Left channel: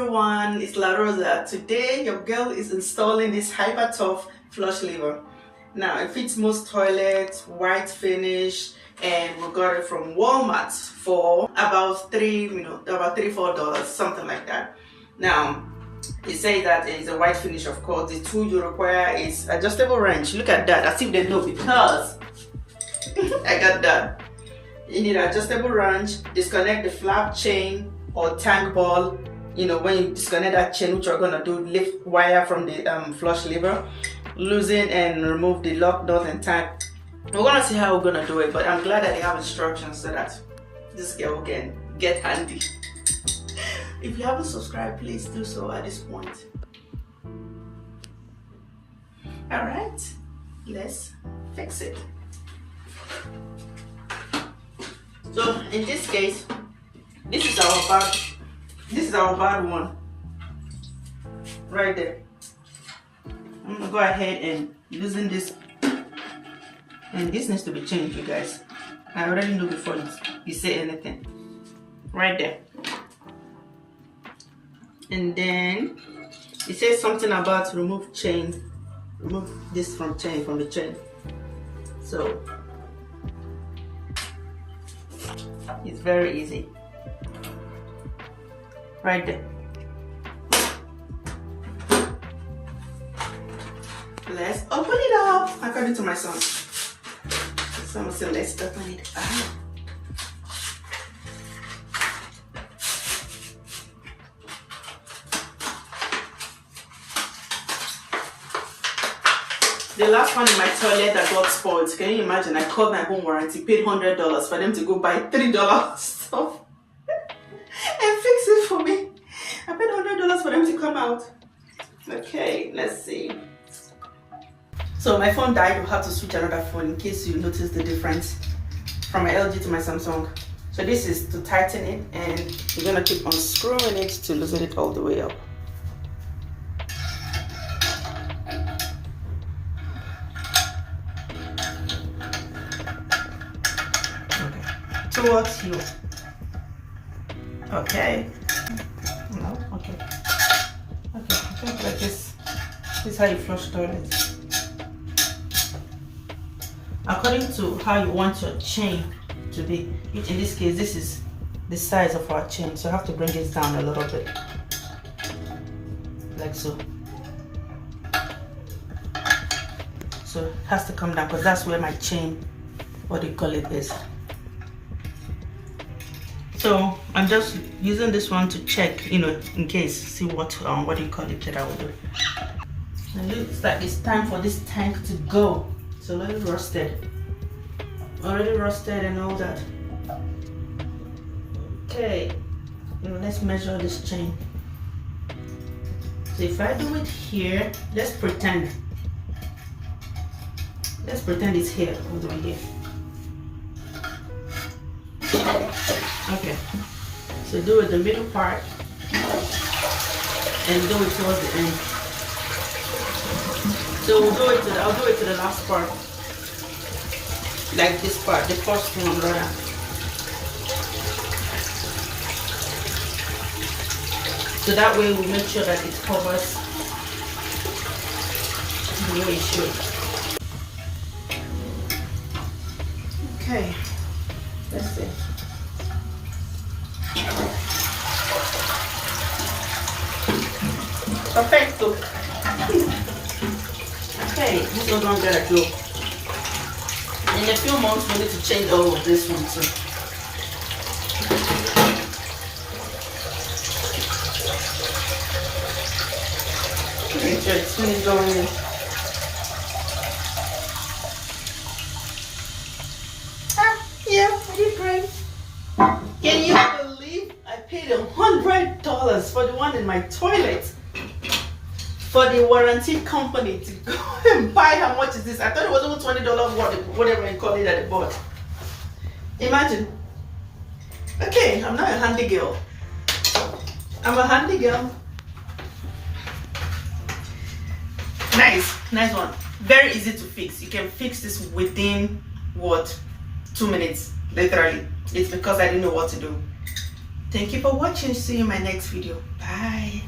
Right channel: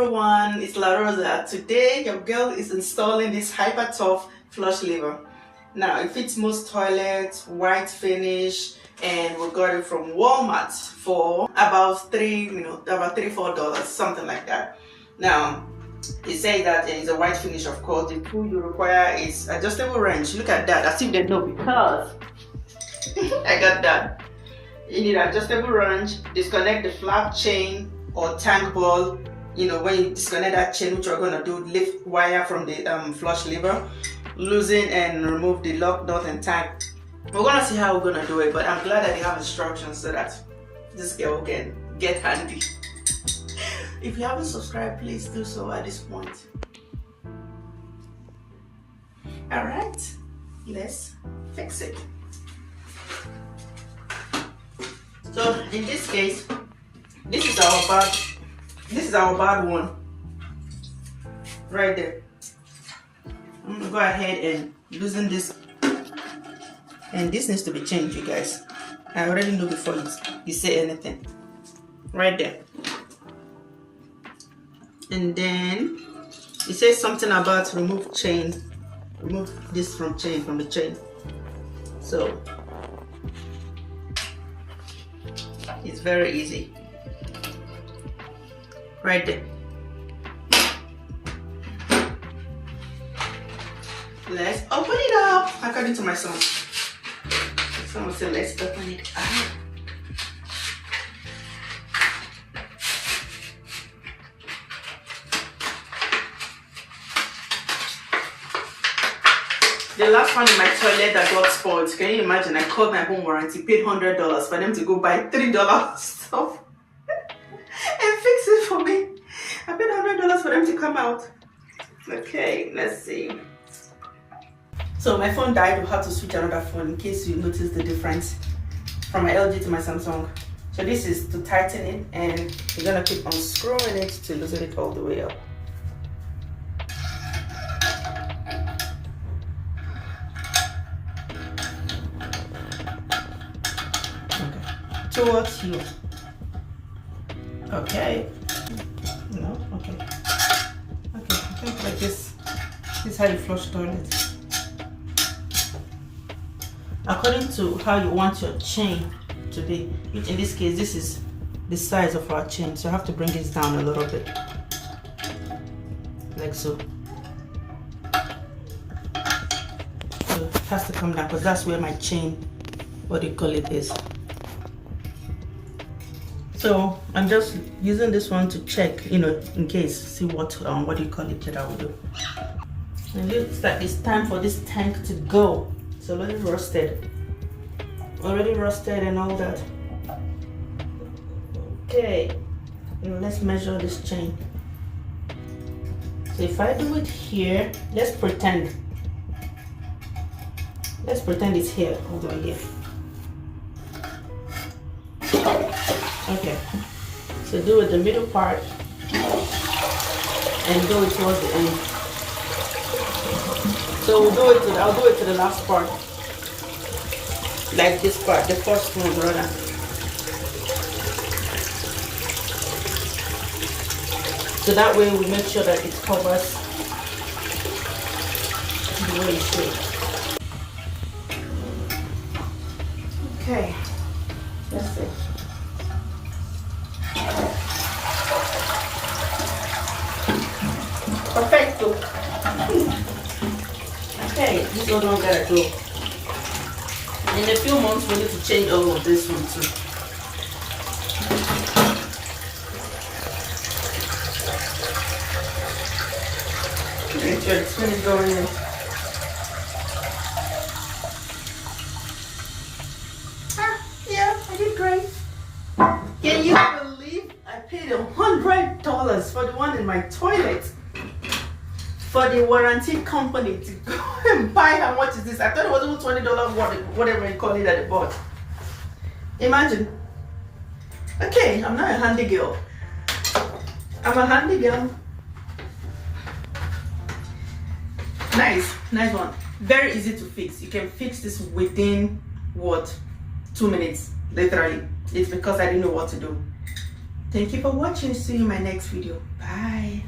everyone, it's La Rosa. Today your girl is installing this hyper tough flush lever. Now it fits most toilets, white finish, and we got it from Walmart for about $4, something like that. Now it says that it's a white finish, of course. The tool you require is adjustable wrench. Look at that, as if they know, because I got that. You need adjustable wrench, disconnect the flap chain or tank ball. When you disconnect that chain, which you're gonna do, lift wire from the flush lever, loosen and remove the lock nut and tank. We're gonna see how we're gonna do it, but I'm glad that they have instructions so that this girl can get handy. If you haven't subscribed, please do so at this point. All right, let's fix it. So in this case, this is our bad one right there. I'm gonna go ahead and loosen this, and this needs to be changed, you guys. I already know before you say anything. Right there. And then it says something about remove this from the chain. So it's very easy. Right there. Let's open it up according to my son. Someone said let's open it up. The last one in my toilet that got spoiled, can you imagine? I called my home warranty, paid $100 for them to go buy $3 stuff and fix it for me. I paid $100 for them to come out. Okay, let's see. So my phone died. We'll have to switch another phone in case you notice the difference from my LG to my Samsung. So this is to tighten it, and you're gonna keep unscrewing it to loosen it all the way up. Towards you. Okay. No, okay. Okay, like this. This is how you flush toilet. According to how you want your chain to be, which in this case, this is the size of our chain, so I have to bring it down a little bit. Like so. So it has to come down because that's where my chain, is. So I'm just using this one to check, in case, see what that I will do. And it looks like it's time for this tank to go. It's already rusted and all that. Okay, now let's measure this chain. So if I do it here, let's pretend it's here, all the way here. Okay, so do it the middle part and do it towards the end. So I'll do it to the last part, like this part, the first one rather. So that way we make sure that it covers the way it should. Okay, let's see. Perfecto. Okay, this is what I'm gonna do. In a few months, we need to change all of this one too. Make sure it's fully going in. Yeah, I did great. Can you believe I paid $100 for the one in my toilet? For the warranty company to go and buy. How much is this? I thought it was over $20, whatever you call it at the bot. Imagine. Okay, I'm not a handy girl. I'm a handy girl. Nice one. Very easy to fix. You can fix this within 2 minutes, literally. It's because I didn't know what to do. Thank you for watching. See you in my next video. Bye.